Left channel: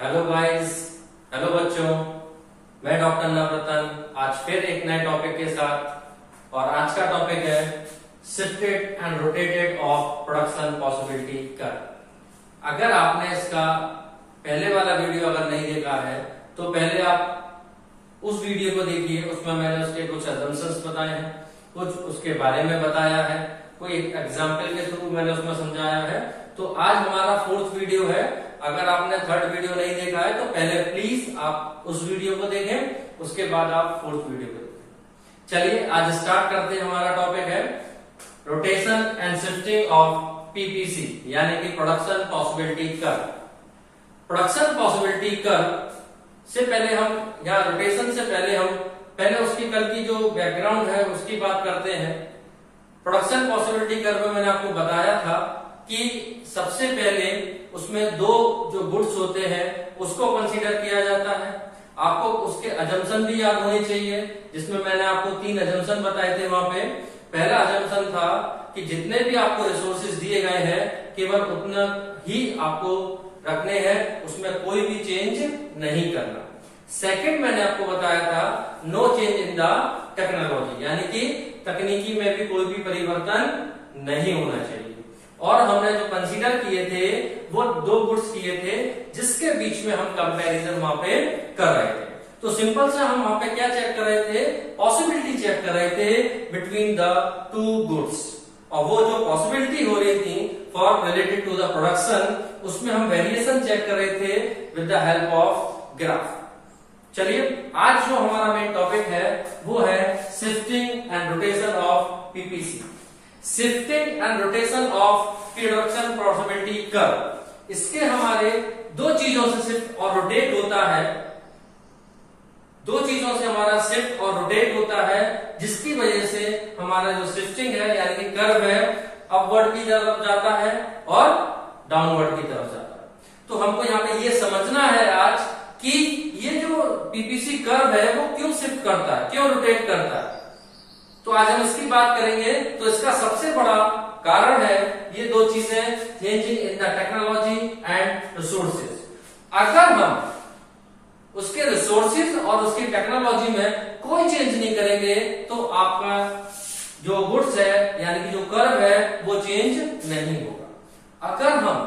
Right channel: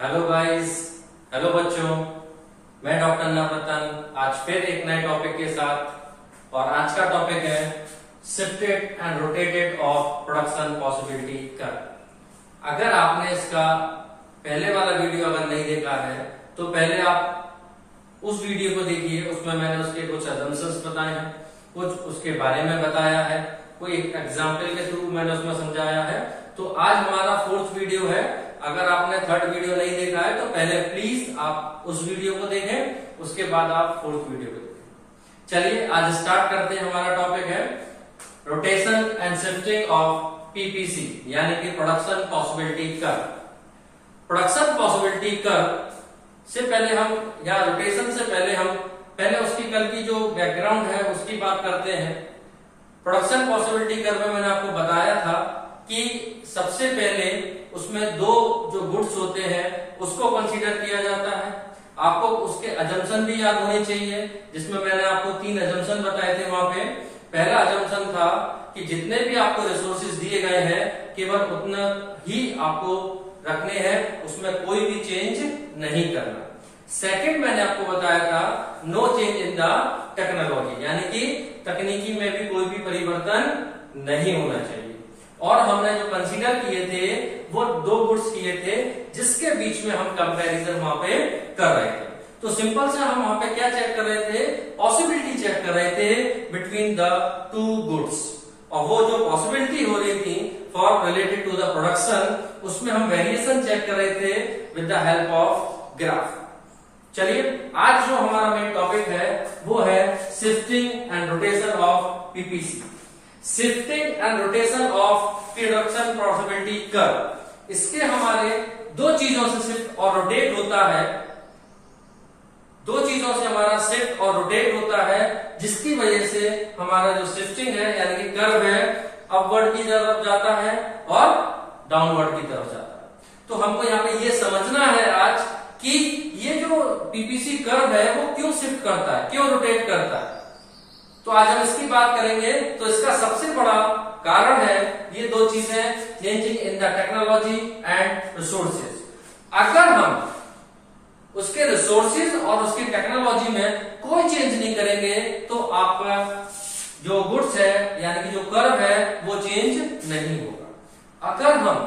Hello guys, hello बच्चों, मैं doctor Navratan आज फिर एक नए टॉपिक के साथ। और आज का टॉपिक है shifted and rotated of production possibility curve. अगर आपने इसका पहले वाला वीडियो अगर नहीं देखा है तो पहले आप उस वीडियो को देखिए। उसमें मैंने उसके कुछ असम्पशंस बताए हैं, कुछ उसके बारे में बताया है, कोई एग्जाम्पल के थ्रू मैंने उसमें समझाया है। तो आज हमारा फोर्थ वीडियो है। अगर आपने थर्ड वीडियो नहीं देखा है तो पहले प्लीज आप उस वीडियो को देखें, उसके बाद आप फोर्थ वीडियो को देखें। चलिए आज स्टार्ट करते हैं। हमारा टॉपिक है rotation and shifting of PPC यानी कि production possibility curve. Production possibility curve से पहले हम या रोटेशन से पहले उसकी कल की जो बैकग्राउंड है उसकी बात करते हैं। प्रोडक्शन पॉसिबिलिटी कर्व में मैंने आपको बताया था कि सबसे पहले उसमें दो जो गुड्स होते हैं उसको कंसीडर किया जाता है। आपको उसके अजम्पशन भी याद होने चाहिए, जिसमें मैंने आपको 3 अजम्पशन बताए थे। वहां पे पहला अजम्पशन था कि जितने भी आपको रिसोर्सेज दिए गए हैं केवल उतना ही आपको रखने हैं, उसमें कोई भी चेंज नहीं करना। सेकंड मैंने आपको बताया था no change in the technology, यानी कि तकनीकी में भी कोई भी परिवर्तन नहीं होना चाहिए। और हमने जो कंसीडर किए थे वो 2 गुड्स किए थे जिसके बीच में हम कंपैरिजन वहां पे कर रहे थे। तो सिंपल से हम वहां पे क्या चेक कर रहे थे, पॉसिबिलिटी चेक कर रहे थे बिटवीन द 2 गुड्स। और वो जो पॉसिबिलिटी हो रही थी for related to the production, उसमें हम वेरिएशन चेक कर रहे थे with the help of graph. चलिए आज जो हमारा मेन टॉपिक है वो है shifting and rotation of PPC. Shifting and rotation of production possibility curve. इसके हमारे 2 चीजों से शिफ्ट और रोटेट होता है। 2 चीजों से हमारा शिफ्ट और रोटेट होता है, जिसकी वजह से हमारा जो शिफ्टिंग है यानी कि कर्व है अपवर्ड की तरफ जाता है और डाउनवर्ड की तरफ जाता है। तो हमको यहाँ पे ये समझना है आज कि ये जो पीपीसी कर्व है वो क्यों शिफ्ट करता है, क्यों रोटेट करता है। तो आज हम इसकी बात करेंगे। तो इसका सबसे बड़ा कारण है ये 2 चीजें, changing in the technology and resources. अगर हम उसके रिसोर्सेज और उसकी टेक्नोलॉजी में कोई चेंज नहीं करेंगे तो आपका जो गुड्स है यानी कि जो कर्व है वो चेंज नहीं होगा। अगर हम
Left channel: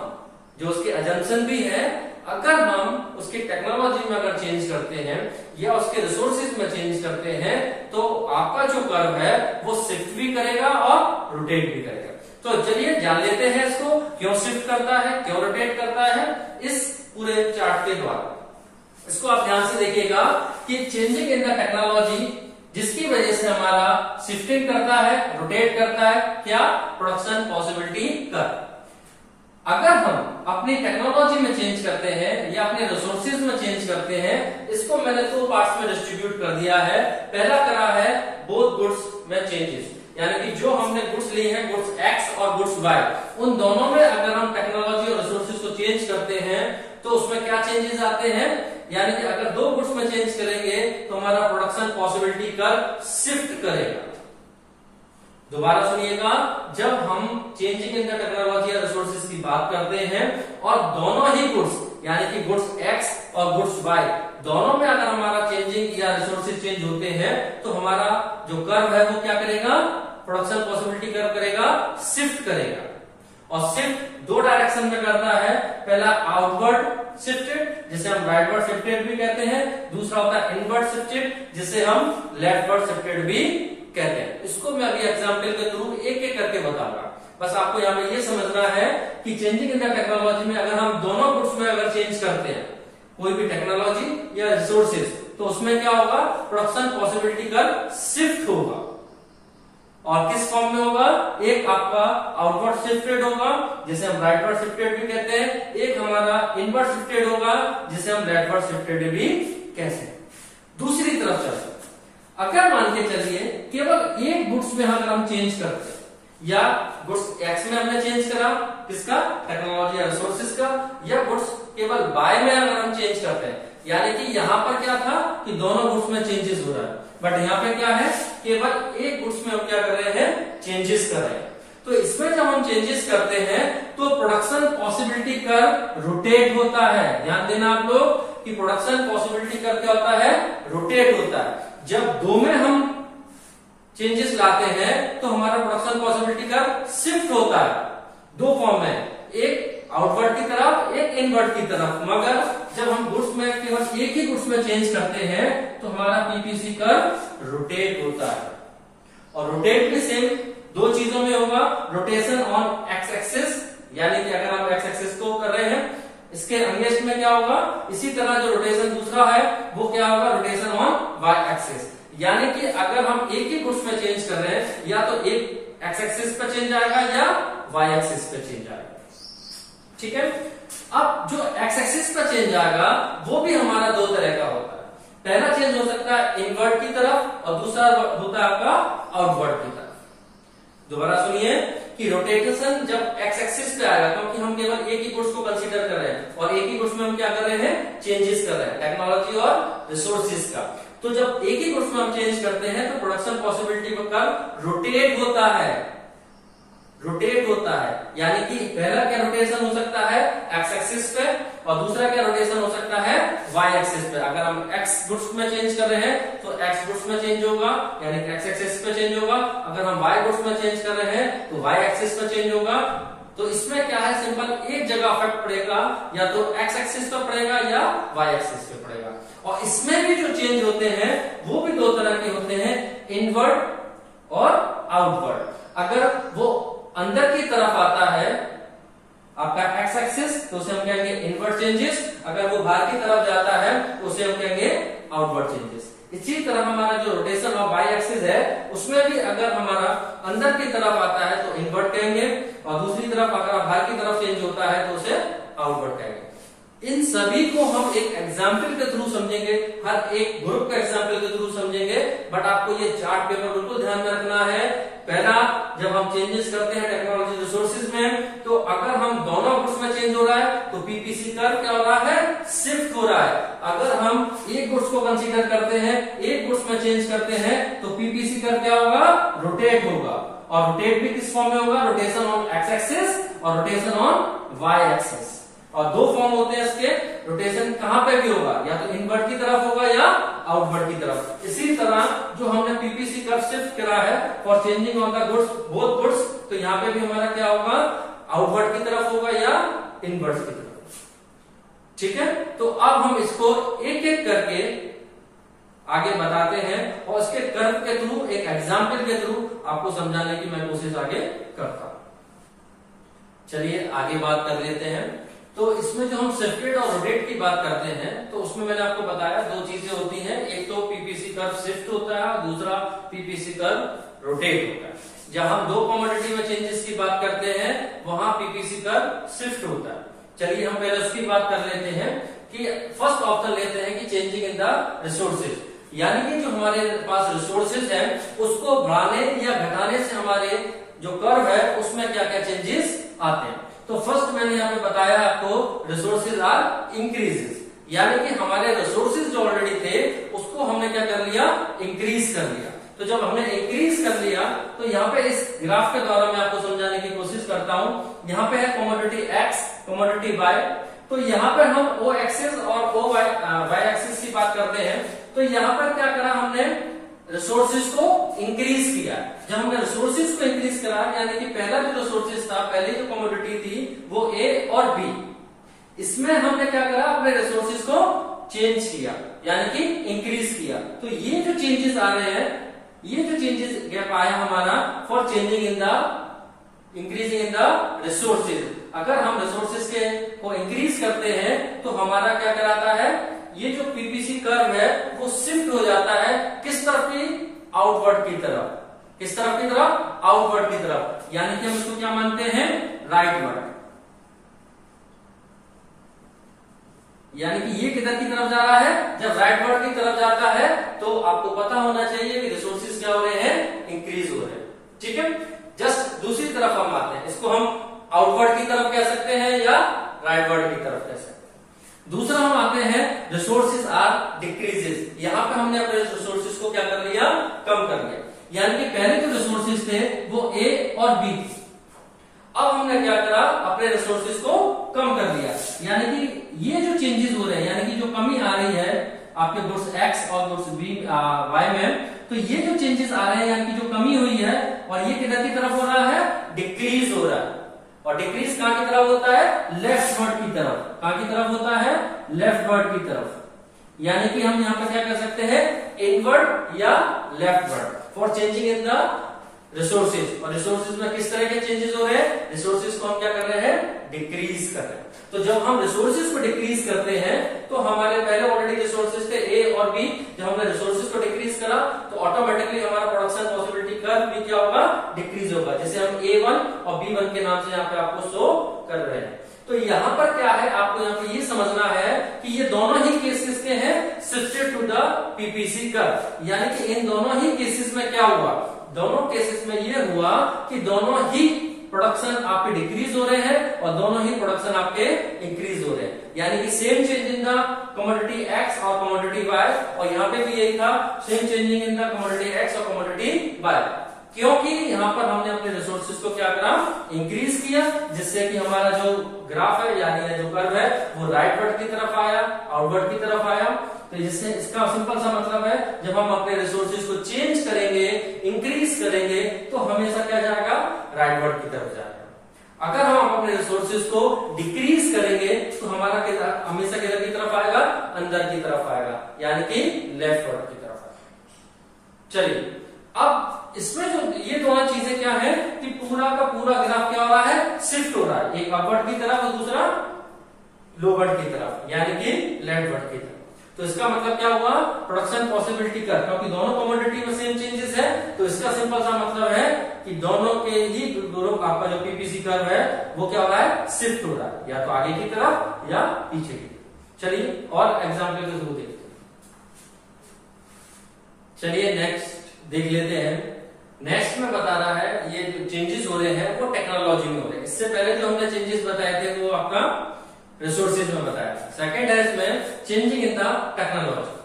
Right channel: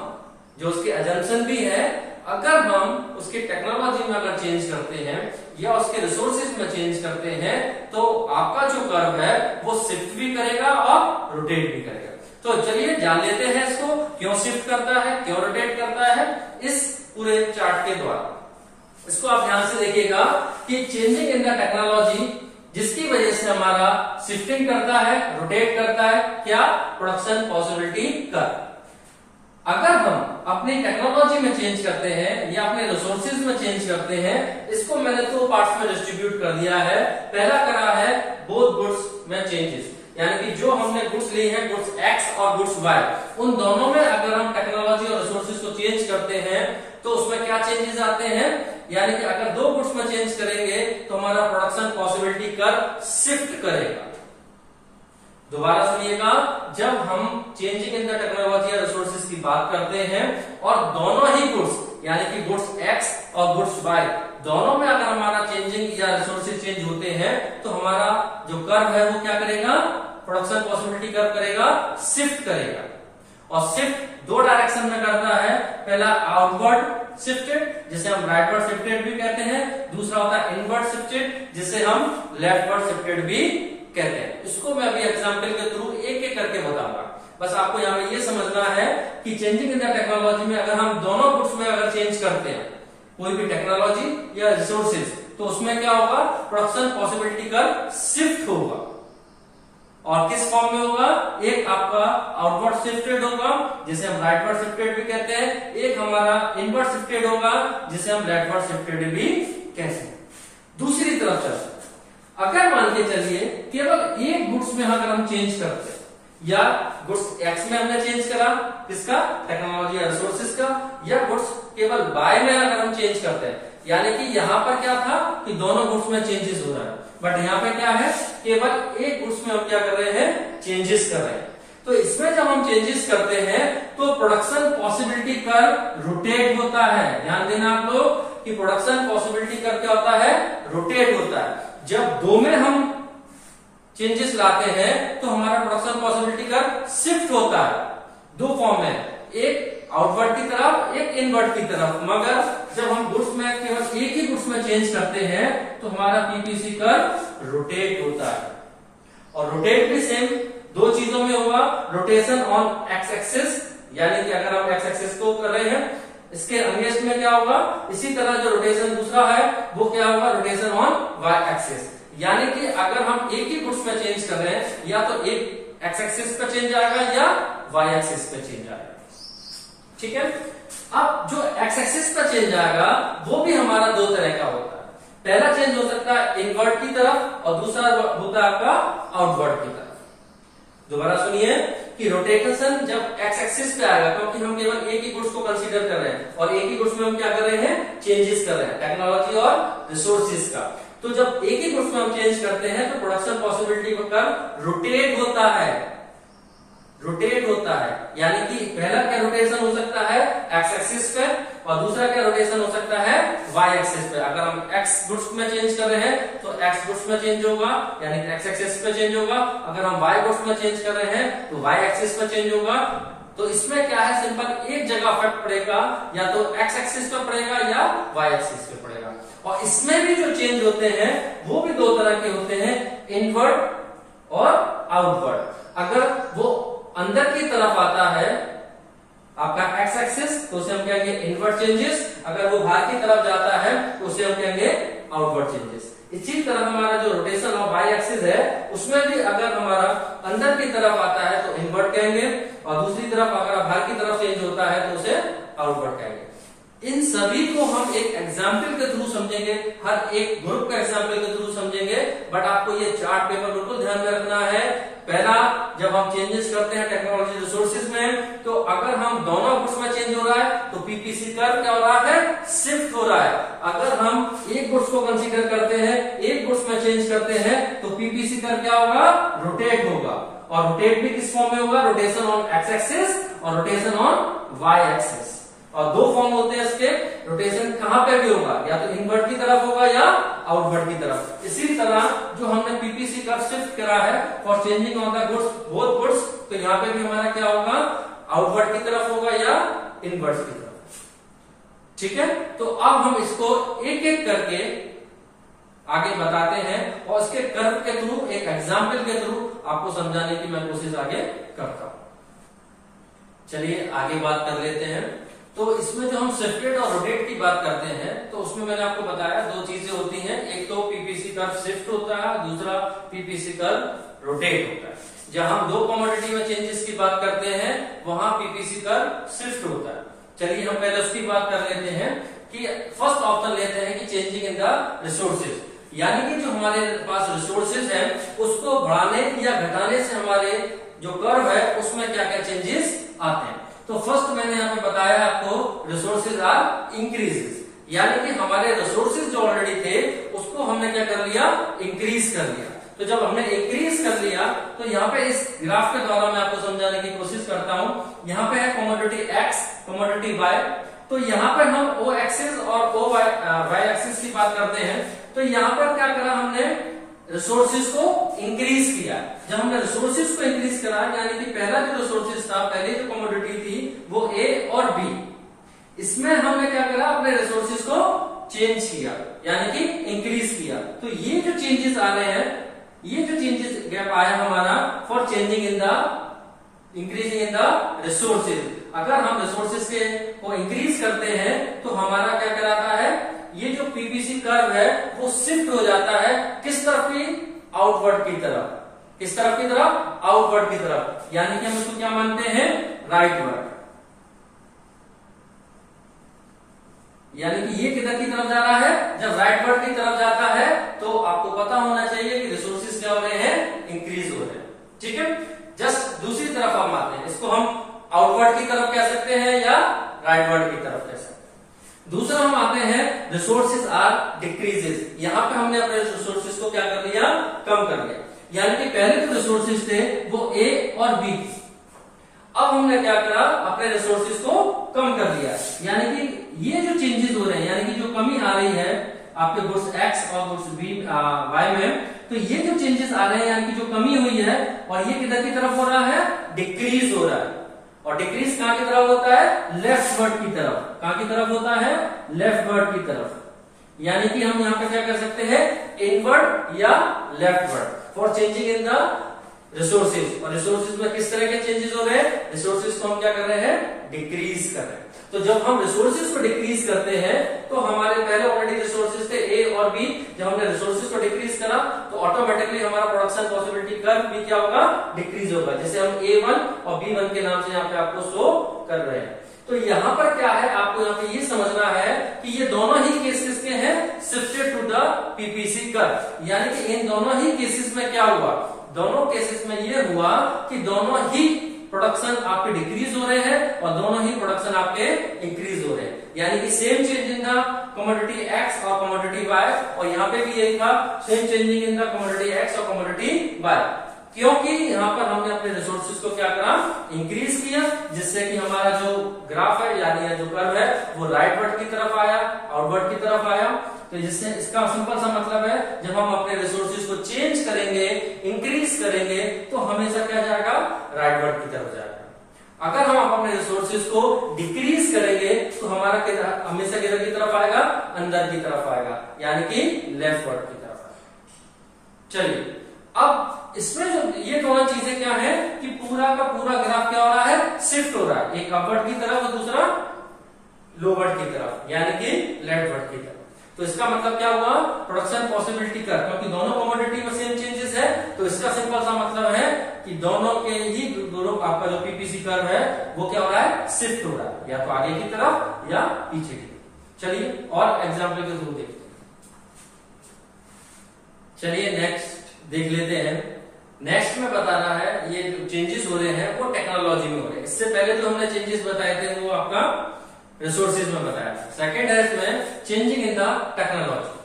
जो उसके अजम्पशन भी है, अगर हम उसकी टेक्नोलॉजी में अगर चेंज करते हैं या उसके रिसोर्सेज में चेंज करते हैं तो आपका जो कर्व है वो शिफ्ट भी करेगा और रोटेट भी करेगा। तो चलिए जान लेते हैं इसको, क्यों शिफ्ट करता है, क्यों रोटेट करता है इस पूरे चार्ट के द्वारा। इसको आप ध्यान से देखिएगा कि चेंजिंग इन द टेक्नोलॉजी जिसकी वजह से हमारा शिफ्टिंग करता है, रोटेट करता है, क्या, प्रोडक्शन पॉसिबिलिटी कर्व। अगर हम अपनी टेक्नोलॉजी में चेंज करते हैं या अपने रिसोर्सेज में चेंज करते हैं, इसको मैंने 2 पार्ट्स में डिस्ट्रीब्यूट कर दिया है। पहला करा है बोथ गुड्स में चेंजेस, यानी कि जो हमने गुड्स ली है, गुड्स एक्स और गुड्स वाई, उन दोनों में अगर हम टेक्नोलॉजी और रिसोर्सेज को चेंज करते हैं तो उसमें क्या चेंजेस आते हैं। यानी कि अगर 2 गुड्स में चेंज करेंगे तो हमारा प्रोडक्शन पॉसिबिलिटी कर्व शिफ्ट करेगा। दोबारा सुनिएगा, जब हम चेंजिंग इन द टेक्नोलॉजी या रिसोर्सेज की बात करते हैं और दोनों ही गुड्स यानी कि गुड्स एक्स और गुड्स वाई दोनों में अगर हमारा चेंजिंग या रिसोर्सेज चेंज होते हैं तो हमारा जो कर्व है वो क्या करेगा, प्रोडक्शन पॉसिबिलिटी कर्व करेगा, शिफ्ट करेगा। और शिफ्ट 2 डायरेक्शन में करता है। पहला आउटवर्ड शिफ्टेड जिसे हम राइटवर्ड शिफ्टेड भी कहते हैं, दूसरा होता है इनवर्ड शिफ्टेड जिसे हम लेफ्टवर्ड शिफ्टेड भी कहते हैं। इसको मैं अभी एग्जाम्पल के थ्रू एक एक करके बताऊंगा। बस आपको यहाँ पे ये समझना है कि चेंजिंग इन द टेक्नोलॉजी में अगर हम दोनों गुड्स में अगर चेंज करते हैं कोई भी टेक्नोलॉजी या रिसोर्सेज तो उसमें क्या होगा, प्रोडक्शन पॉसिबिलिटी कर्व शिफ्ट होगा। और किस फॉर्म में होगा, एक आपका आउटवर्ड शिफ्टेड होगा जिसे हम राइटवर्ड शिफ्टेड भी कहते हैं, एक हमारा इनवर्ड शिफ्टेड होगा जिसे हम लेफ्टवर्ड शिफ्टेड भी कहते हैं। दूसरी तरफ चलते हैं, अगर मान के चलिए केवल एक गुड्स में अगर हम चेंज करते हैं या गुड्स एक्स में हमने चेंज करा, किसका, टेक्नोलॉजी या रिसोर्सेज का, या गुड्स केवल बाय में अगर हम चेंज करते हैं, यानी कि यहां पर क्या था कि दोनों गुड्स में चेंजेस हो रहा है, बट यहाँ पे क्या है केवल एक गुड्स में हम क्या कर रहे हैं, चेंजेस कर रहे हैं। तो इसमें जब जब हम चेंजेस करते हैं तो प्रोडक्शन पॉसिबिलिटी कर्व रोटेट होता है। ध्यान देना आप लोग कि प्रोडक्शन पॉसिबिलिटी कर्व क्या होता है, रोटेट होता है। जब दो में हम चेंजेस लाते हैं तो हमारा प्रोडक्शन पॉसिबिलिटी कर्व शिफ्ट होता है। दो फॉर्म है, एक आउटवर्ड की तरफ, एक इनवर्ड की तरफ। मगर जब हम गुड्स में केवल एक ही गुड्स में चेंज करते हैं तो हमारा पीपीसी कर्व रोटेट होता है। और रोटेट भी सेम दो चीजों में होगा, रोटेशन ऑन एक्स एक्सिस, यानी कि अगर आप एक्स एक्सिस को कर रहे हैं इसके अगेंस्ट में क्या होगा, इसी तरह जो रोटेशन दूसरा है वो क्या होगा, रोटेशन ऑन वाई एक्सिस। यानी कि अगर हम एक ही गुड्स में चेंज कर रहे हैं या तो एक एक्स एक्सिस पे चेंज आएगा या वाई एक्सिस पे चेंज आएगा। ठीक है, अब जो एक्स एक्सिस पे चेंज आएगा वो भी हमारा दो तरह का होता है। पहला चेंज हो सकता है इनवर्ड की तरफ और दूसरा होता है आपका आउटवर्ड की तरफ। दोबारा सुनिए कि रोटेशन जब एक्स एक्सिस पे आएगा, क्योंकि हम केवल एक ही गुड्स को कंसीडर कर रहे हैं और एक ही गुड्स में हम क्या कर रहे हैं, चेंजेस कर रहे हैं, टेक्नोलॉजी और रिसोर्सेज का। तो जब एक ही गुड्स में हम चेंज करते हैं तो प्रोडक्शन पॉसिबिलिटी का रोटेट होता है, रोटेट होता है। यानी कि पहला क्या रोटेशन हो सकता है एक्स एक्सिस पे और दूसरा क्या रोटेशन हो सकता है वाई एक्सिस पे। अगर हम एक्स गुड्स में चेंज कर रहे हैं तो एक्स गुड्स में चेंज होगा, यानी कि एक्स एक्सिस पे चेंज होगा। अगर हम वाई गुड्स में चेंज कर रहे हैं तो वाई एक्सिस पे चेंज होगा। तो इसमें क्या है, सिंपल एक जगह इफेक्ट पड़ेगा, या तो एक्स एक्सिस पे पड़ेगा या वाई एक्सिस पे पड़ेगा। और इसमें भी जो चेंज होते हैं वो भी दो तरह के होते हैं, इनवर्ड और आउटवर्ड। अगर वो अंदर की तरफ आता है आपका एक्स एक्सिस तो उसे हम कहेंगे इनवर्ड चेंजेस, अगर वो बाहर की तरफ जाता है तो उसे हम कहेंगे आउटवर्ड चेंजेस। इसी तरह हमारा जो रोटेशन ऑफ वाई एक्सिस है उसमें भी अगर हमारा अंदर की तरफ आता है तो इनवर्ड कहेंगे और दूसरी तरफ अगर बाहर की तरफ चेंज होता है तो उसे आउटवर्ड कहेंगे। इन सभी को हम एक एग्जाम्पल के थ्रू समझेंगे, हर एक ग्रुप का एग्जाम्पल के थ्रू समझेंगे। बट आपको ये चार्ट पेपर बिल्कुल ध्यान में रखना है। पहला, जब हम चेंजेस करते हैं टेक्नोलॉजी रिसोर्सेज में, तो अगर हम दोनों गुड्स में चेंज हो रहा है तो पीपीसी कर्व क्या हो रहा है, शिफ्ट हो रहा है। अगर हम एक गुड्स को कंसीडर करते हैं, एक गुड्स में चेंज करते हैं तो पीपीसी कर्व क्या होगा, रोटेट होगा। और रोटेट भी किस फॉर्म में होगा, रोटेशन ऑन एक्स एक्सिस और रोटेशन ऑन वाई एक्सिस। और दो फॉर्म होते हैं इसके, रोटेशन कहां पे भी होगा, या तो इनवर्ड की तरफ होगा या आउटवर्ड की तरफ। इसी तरह जो हमने पीपीसी कर्व शिफ्ट करा है for changing on the goods both goods, तो यहाँ पे भी हमारा क्या होगा, आउटवर्ड की तरफ होगा या इनवर्ड की तरफ। ठीक है, तो अब हम इसको एक एक करके आगे बताते हैं और इसके कर्व के थ्रू, एक एग्जाम्पल के थ्रू आपको समझाने की मैं कोशिश आगे करता हूं। चलिए आगे बात कर लेते हैं। तो इसमें जो हम शिफ्टेड और रोटेट की बात करते हैं तो उसमें मैंने आपको बताया दो चीजें होती हैं, एक तो पीपीसी कर्व शिफ्ट होता है, दूसरा पीपीसी कर्व रोटेट होता है। जहां हम दो कमोडिटी में चेंजेस की बात करते हैं वहां पीपीसी कर्व शिफ्ट होता है। चलिए हम पहले उसकी बात कर लेते हैं कि फर्स्ट ऑप्शन लेते हैं कि चेंजिंग इन द रिसोर्सेज, यानी कि जो हमारे पास रिसोर्सेज है उसको बढ़ाने या घटाने से हमारे जो कर्व है उसमें क्या क्या चेंजेस आते हैं। तो फर्स्ट मैंने यहाँ पे बताया आपको रिसोर्सेज आर इंक्रीजेस, यानी कि हमारे रिसोर्सेज जो ऑलरेडी थे उसको हमने क्या कर लिया, इंक्रीज कर लिया। तो जब हमने इंक्रीज कर लिया तो यहाँ पे इस ग्राफ के द्वारा मैं आपको समझाने की कोशिश करता हूँ। यहाँ पे है कमोडिटी एक्स, कमोडिटी वाई। तो यहाँ पे हम ओ एक्सिस और ओ वाई एक्सिस की बात करते हैं। तो यहाँ पर क्या करा हमने, रिसोर्सेज को इंक्रीज किया। जब हमने रिसोर्सेज को इंक्रीज करा, यानी कि पहला जो रिसोर्सेज था, पहले जो कमोडिटी थी वो ए और बी, इसमें हमने क्या करा, अपने रिसोर्सेज को चेंज किया, यानी कि इंक्रीज किया। तो ये जो चेंजेस आ रहे हैं, ये जो चेंजेस गैप आया हमारा for changing in the increasing in the resources. अगर हम रिसोर्सेज के को इंक्रीज करते हैं तो हमारा क्या कहलाता है, ये जो पीपीसी कर्व है वो शिफ्ट हो जाता है किस तरफ की, आउटवर्ड की तरफ। किस तरफ की तरफ, आउटवर्ड की तरफ। यानी कि हम इसको क्या मानते हैं, राइटवर्ड। यानी कि ये किधर की तरफ जा रहा है, जब राइटवर्ड की तरफ जाता है तो आपको पता होना चाहिए कि रिसोर्सेज क्या हो रहे हैं, इंक्रीज हो रहे हैं। ठीक है, जस्ट दूसरी तरफ हम आते हैं, इसको हम आउटवर्ड की तरफ कह सकते हैं या राइटवर्ड की तरफ कह सकते हैं। दूसरा हम आते हैं रिसोर्सेज आर डिक्रीजेस। यहां पे हमने अपने रिसोर्सेज को क्या कर लिया, कम कर लिया। यानी कि पहले जो रिसोर्सेज थे वो ए और बी थे, अब हमने क्या करा, अपने रिसोर्सेज को कम कर दिया, यानी कि ये जो चेंजेस हो रहे हैं, यानी कि जो कमी आ रही है आपके गुड्स एक्स और गुड्स वाई में, तो ये जो चेंजेस आ रहे हैं यानी कि जो कमी हुई है, और ये किधर की तरफ हो रहा है, डिक्रीज हो रहा है। और डिक्रीज कहां की तरफ होता है, लेफ्टवर्ड की तरफ। कहां की तरफ होता है, लेफ्टवर्ड की तरफ। यानी कि हम यहाँ पे क्या कर सकते हैं, इनवर्ड या leftward for changing in the resources. और रिसोर्सेज में किस तरह के चेंजेस हो रहे हैं, रिसोर्सेज को हम क्या कर रहे हैं, डिक्रीज कर रहे हैं। तो जब हम रिसोर्सेज को डिक्रीज करते हैं तो हमारे पहले ऑलरेडी रिसोर्सेज थे ए और बी, जब हमने रिसोर्सेज को डिक्रीज करा तो ऑटोमेटिकली हमारा प्रोडक्शन पॉसिबिलिटी कर्व भी क्या होगा, डिक्रीज होगा, जैसे हम A1 और B1 के नाम से यहाँ पे आपको शो कर रहे हैं। तो यहाँ पर क्या है, आपको यहाँ पे ये समझना है कि ये दोनों ही केसेस के हैं shifted to the PPC curve. यानी कि इन दोनों ही केसेस में क्या हुआ, दोनों केसेस में ये हुआ कि दोनों ही प्रोडक्शन आपके डिक्रीज हो रहे हैं और दोनों ही प्रोडक्शन आपके इंक्रीज हो रहे हैं। यानी कि same change in the commodity x और कमोडिटी वाई, और यहाँ पे भी यही था, same changing in the commodity x और कमोडिटी वाई, क्योंकि यहाँ पर हमने अपने रिसोर्सेज को क्या करा, इंक्रीज किया, जिससे कि हमारा जो ग्राफ है यानी जो कर्व है वो राइटवर्ड की तरफ आया, आउटवर्ड की तरफ आया। तो जिससे इसका सिंपल सा मतलब है, जब हम अपने रिसोर्सेज को चेंज करेंगे, इंक्रीज करेंगे, तो हमेशा क्या जाएगा, राइटवर्ड की तरफ जाएगा। अगर हम अपने रिसोर्सेज को डिक्रीज करेंगे तो हमारा हमेशा किधर की तरफ आएगा, अंदर की तरफ आएगा, यानी कि लेफ्टवर्ड की तरफ आएगा। चलिए, अब इसमें जो ये दोनों चीजें क्या है कि पूरा का पूरा ग्राफ क्या हो रहा है, शिफ्ट हो रहा है, एक अपवर्ड की तरफ और दूसरा लोवर्ड की तरफ, यानी कि लेफ्टवर्ड की तरफ। तो इसका मतलब क्या हुआ, प्रोडक्शन पॉसिबिलिटी कर्व, क्योंकि दोनों कमोडिटी में सेम चेंजेस है, तो इसका सिंपल सा मतलब है कि दोनों के ही दोनों आपका जो पीपीसी कर्व है वो क्या हो रहा है, शिफ्ट हो रहा है, या तो आगे की तरफ या पीछे की तरफ। चलिए और एग्जाम्पल के थ्रू देखते हैं। चलिए नेक्स्ट देख लेते हैं। नेक्स्ट में बताना है, ये जो चेंजेस हो रहे हैं वो टेक्नोलॉजी में हो रहे हैं। इससे पहले जो हमने चेंजेस बताए थे वो आपका रिसोर्सेज में बताया था। सेकेंड है इसमें चेंजिंग इन द टेक्नोलॉजी।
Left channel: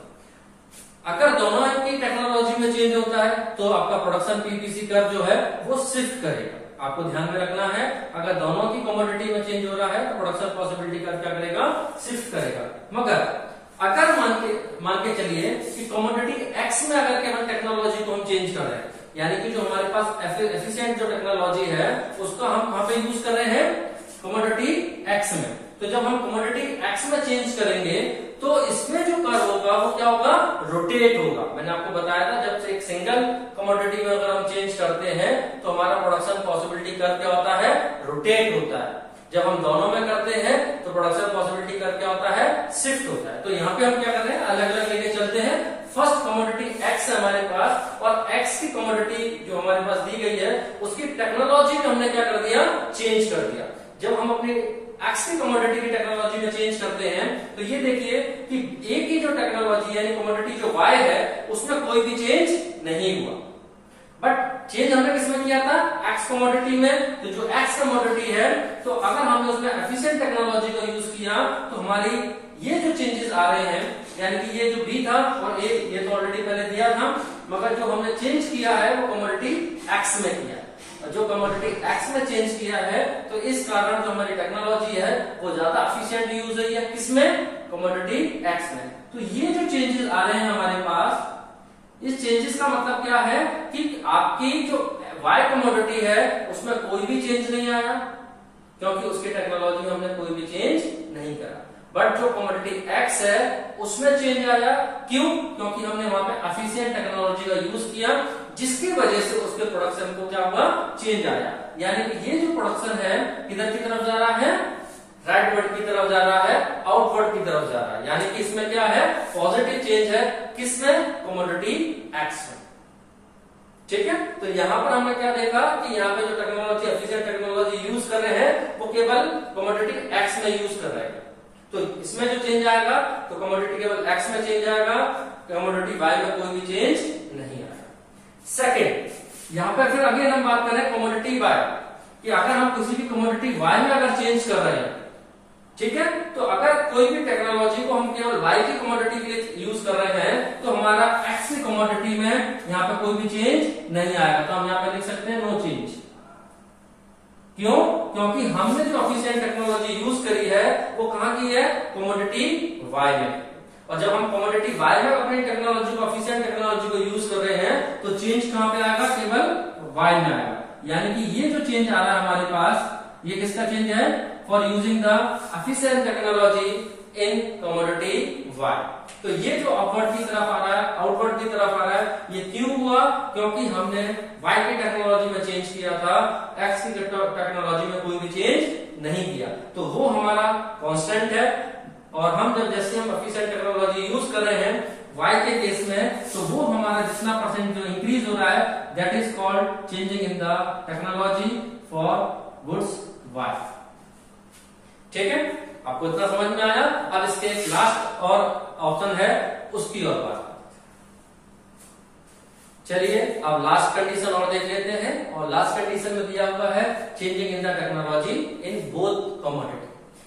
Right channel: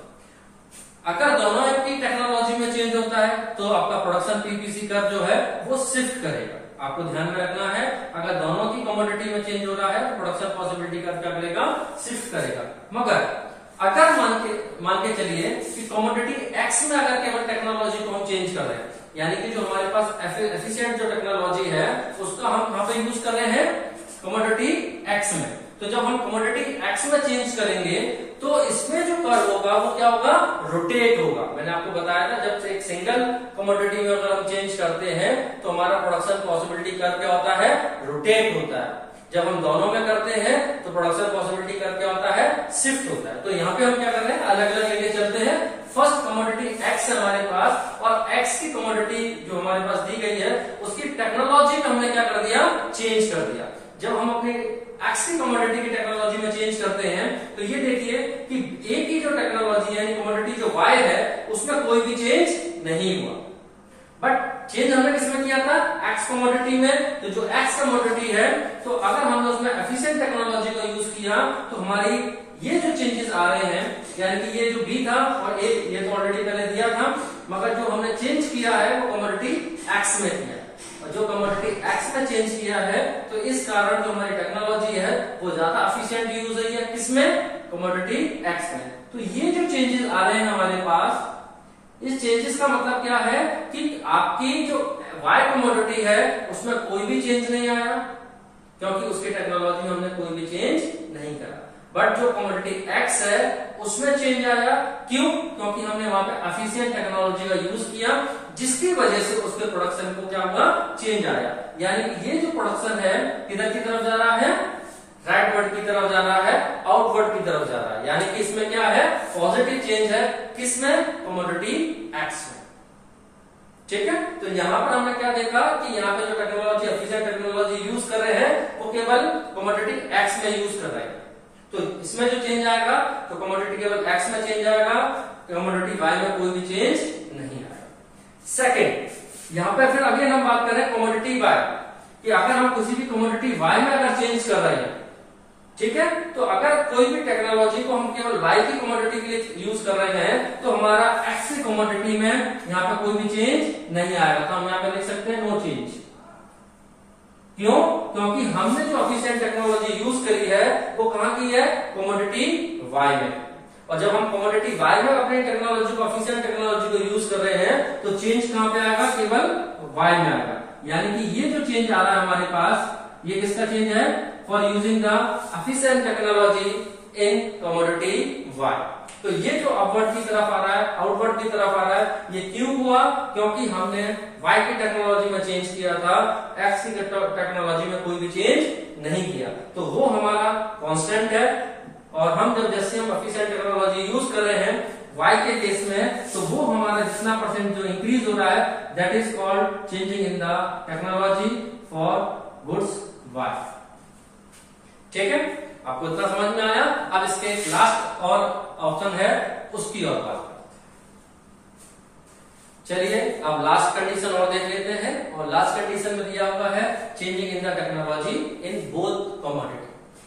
अगर दोनों की टेक्नोलॉजी में चेंज होता है तो आपका प्रोडक्शन पीपीसी कर्व जो है वो शिफ्ट करेगा। आपको ध्यान में रखना है, अगर दोनों की कमोडिटी में चेंज हो रहा है तो प्रोडक्शन पॉसिबिलिटी कर्व क्या करेगा, शिफ्ट करेगा। मगर अगर मान के चलिए कि कमोडिटी एक्स में अगर केवल टेक्नोलॉजी को हम चेंज कर रहे हैं, यानी कि जो हमारे पास एफिशिएंट जो टेक्नोलॉजी है उसका हम कहां पे यूज कर रहे हैं, कमोडिटी एक्स में। तो जब हम कमोडिटी एक्स में चेंज करेंगे तो इसमें जो कर्व होगा वो क्या होगा, रोटेट होगा। मैंने आपको बताया था, जब एक सिंगल कमोडिटी में अगर हम चेंज करते हैं तो हमारा प्रोडक्शन पॉसिबिलिटी कर्व क्या होता है, रोटेट होता है। जब हम दोनों में करते हैं तो प्रोडक्शन पॉसिबिलिटी कर्व क्या होता है, शिफ्ट होता है। तो यहाँ पे हम क्या कर रहे हैं, अलग अलग लेके चलते हैं। फर्स्ट कमोडिटी एक्स है हमारे पास, और एक्स की कमोडिटी जो हमारे पास दी गई है उसकी टेक्नोलॉजी में हमने क्या कर दिया, चेंज कर दिया। जब हम अपने एक्स की कमोडिटी की टेक्नोलॉजी में चेंज करते हैं तो ये देखिए कि ए की जो टेक्नोलॉजी है, कमोडिटी जो वाई है, उसमें कोई भी चेंज नहीं हुआ। बट चेंज हमने किसमें किया था, एक्स कमोडिटी में। तो जो एक्स कमोडिटी है, तो अगर हमने उसमें एफिशिएंट टेक्नोलॉजी को यूज किया तो हमारी ये जो चेंजेस आ रहे हैं, यानी कि ये जो बी था और ए, ये तो ऑलरेडी पहले दिया था, मगर जो हमने चेंज किया है वो कमोडिटी एक्स में किया। और जो कमोडिटी एक्स में चेंज किया है तो इस कारण जो हमारी टेक्नोलॉजी है वो ज्यादा एफिशिएंट यूज हुई है, किसमें, कमोडिटी एक्स में। तो ये जो चेंजेस आ रहे हैं हमारे पास, इस चेंजेस का मतलब क्या है कि आपकी जो वाई कमोडिटी है उसमें कोई भी चेंज नहीं आया, क्योंकि उसकी टेक्नोलॉजी में हमने कोई भी चेंज नहीं करा। बट जो कमोडिटी एक्स है उसमें चेंज आया, क्यों, क्योंकि हमने वहां पे एफिशिएंट टेक्नोलॉजी का यूज किया, जिसकी वजह से उसके प्रोडक्शन को क्या हुआ, चेंज आया। यानी कि ये जो प्रोडक्शन है किधर की तरफ जा रहा है, राइटवर्ड की तरफ जा रहा है, आउटवर्ड की तरफ जा रहा है। यानी कि इसमें क्या है, पॉजिटिव चेंज है, किसमें, कमोडिटी एक्स में। ठीक है, तो यहां पर हमने क्या देखा कि यहाँ पे जो टेक्नोलॉजी, एफिशिएंट टेक्नोलॉजी यूज कर रहे हैं वो केवल कमोडिटी एक्स में यूज कर रहे हैं। तो इसमें जो चेंज आएगा तो कमोडिटी केवल एक्स में चेंज आएगा, कमोडिटी वाई में कोई भी चेंज नहीं आएगा। सेकेंड, यहाँ पे फिर अगेन हम बात कर रहे हैं कमोडिटी वाई, कि अगर हम किसी भी कमोडिटी वाई में अगर चेंज कर रहे हैं, ठीक है, तो अगर कोई भी टेक्नोलॉजी को हम केवल वाई की कमोडिटी के लिए यूज कर रहे हैं तो हमारा एक्स की कमोडिटी में यहाँ पे कोई भी चेंज नहीं आएगा। तो हम यहाँ पे लिख सकते हैं नो चेंज। क्यों, क्योंकि हमने जो एफिशिएंट टेक्नोलॉजी यूज करी है वो कहां की है, कमोडिटी वाई में। और जब हम कमोडिटी वाई में अपनी टेक्नोलॉजी को, एफिशिएंट टेक्नोलॉजी को यूज कर रहे हैं, तो चेंज कहां पे आएगा, केवल वाई में आएगा। यानी कि ये जो चेंज आ रहा है हमारे पास, ये किसका चेंज है, for using the efficient technology in commodity Y. तो ये जो अपवर्ड की तरफ आ रहा है, आउटवर्ड की तरफ आ रहा है, ये क्यों हुआ, क्योंकि हमने वाई की टेक्नोलॉजी में चेंज किया था, एक्स की टेक्नोलॉजी में कोई भी चेंज नहीं किया, तो वो हमारा कांस्टेंट है। और हम जब जैसे हम एफिशिएंट टेक्नोलॉजी यूज कर रहे हैं वाई के केस में, तो वो हमारा जितना परसेंट जो इंक्रीज हो रहा है, that is called changing in the technology for goods why. ठीक है, आपको इतना समझ में आया। अब इसके लास्ट और ऑप्शन है उसकी और बात। चलिए अब लास्ट कंडीशन और देख लेते हैं। और लास्ट कंडीशन में दिया हुआ है changing in the technology in both commodity.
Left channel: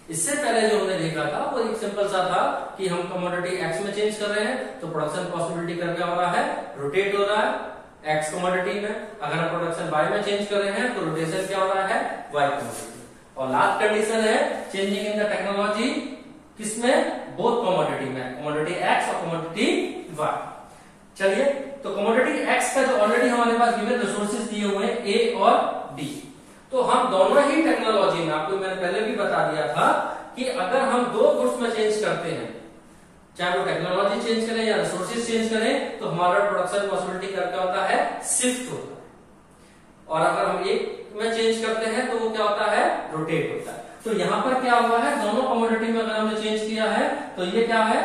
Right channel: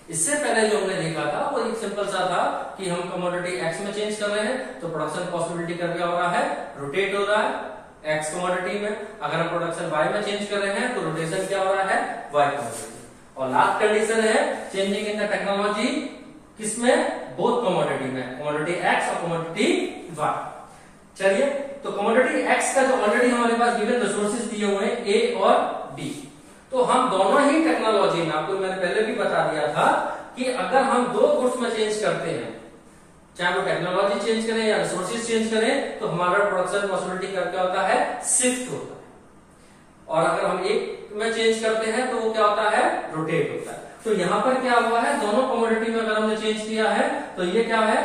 इससे पहले जो हमने देखा था वो एक सिंपल सा था कि हम कमोडिटी एक्स में चेंज कर रहे हैं, तो प्रोडक्शन पॉसिबिलिटी कर क्या हो रहा है, रोटेट हो रहा है एक्स कमोडिटी में। अगर हम प्रोडक्शन वाई में चेंज कर रहे हैं तो रोटेशन क्या हो रहा है, वाई कमोडिटी। और लास्ट कंडीशन है चेंजिंग इन द टेक्नोलॉजी किसमें, बोथ कमोडिटी में, कमोडिटी एक्स और कमोडिटी वाई। चलिए, तो कमोडिटी एक्स का जो ऑलरेडी हमारे पास गिवन रिसोर्सेज दिए हुए हैं ए और बी, तो हम दोनों ही टेक्नोलॉजी में, आपको मैंने पहले भी बता दिया था कि अगर हम दो गुड्स में चेंज करते हैं, चाहे वो टेक्नोलॉजी चेंज करें या रिसोर्सेज चेंज करें, तो हमारा प्रोडक्शन पॉसिबिलिटी क्या होता है, शिफ्ट होता है। और अगर हम एक में चेंज करते हैं तो वो क्या होता है, रोटेट होता है। तो यहाँ पर क्या हुआ है, दोनों कमोडिटी में अगर हमने चेंज किया है तो ये क्या है,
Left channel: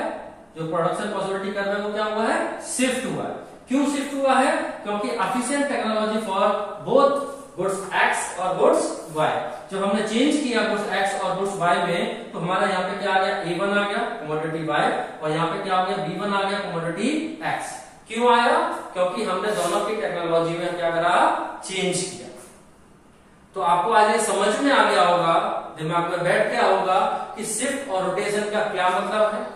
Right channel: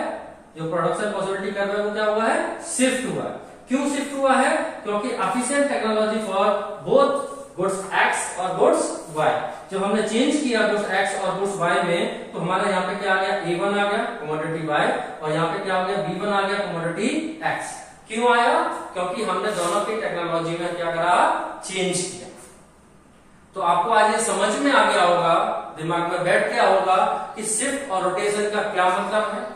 जो प्रोडक्शन पॉसिबिलिटी कर रहे हैं वो क्या हुआ है, शिफ्ट हुआ है। क्यों शिफ्ट हुआ है, क्योंकि efficient technology for both goods x और गुड्स वाई, जब हमने चेंज किया गुड्स एक्स और गुड्स वाई में, तो हमारा यहाँ पे क्या आ गया, A1 आ गया कमोडिटी वाई, और यहाँ पे क्या आ गया, B1 आ गया कमोडिटी एक्स। क्यों आया, क्योंकि हमने दोनों की टेक्नोलॉजी में क्या करा, चेंज किया। तो आपको आज ये समझ में आ गया होगा, दिमाग में बैठ गया होगा कि शिफ्ट और रोटेशन का क्या मतलब है,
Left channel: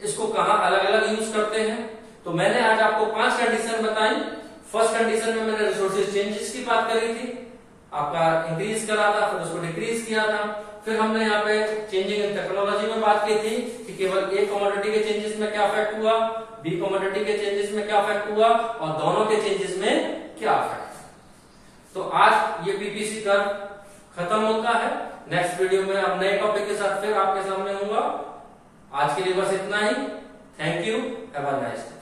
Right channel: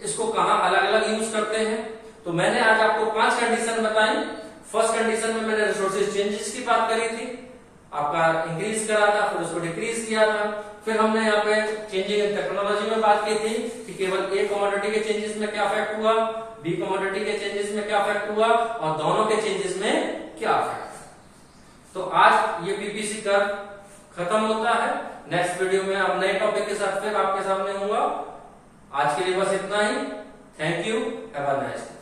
इसको कहां अलग अलग यूज करते हैं। तो मैंने आज आपको 5 कंडीशन बताई। फर्स्ट कंडीशन में मैंने रिसोर्सेज चेंजेस की बात करी थी, आपका इंक्रीज करा था, फिर उसको डिक्रीज किया था। फिर हमने यहाँ पे चेंजिंग इन टेक्नोलॉजी में बात की थी कि केवल ए कमोडिटी के चेंजेस में क्या इफेक्ट हुआ, बी कमोडिटी के चेंजेस में क्या इफेक्ट हुआ, और दोनों के चेंजेस में क्या इफेक्ट। तो आज ये पीपीसी का खत्म होता है। नेक्स्ट वीडियो में अब नए टॉपिक के साथ फिर आपके सामने होगा। आज के लिए बस इतना ही। Thank you, have a nice day.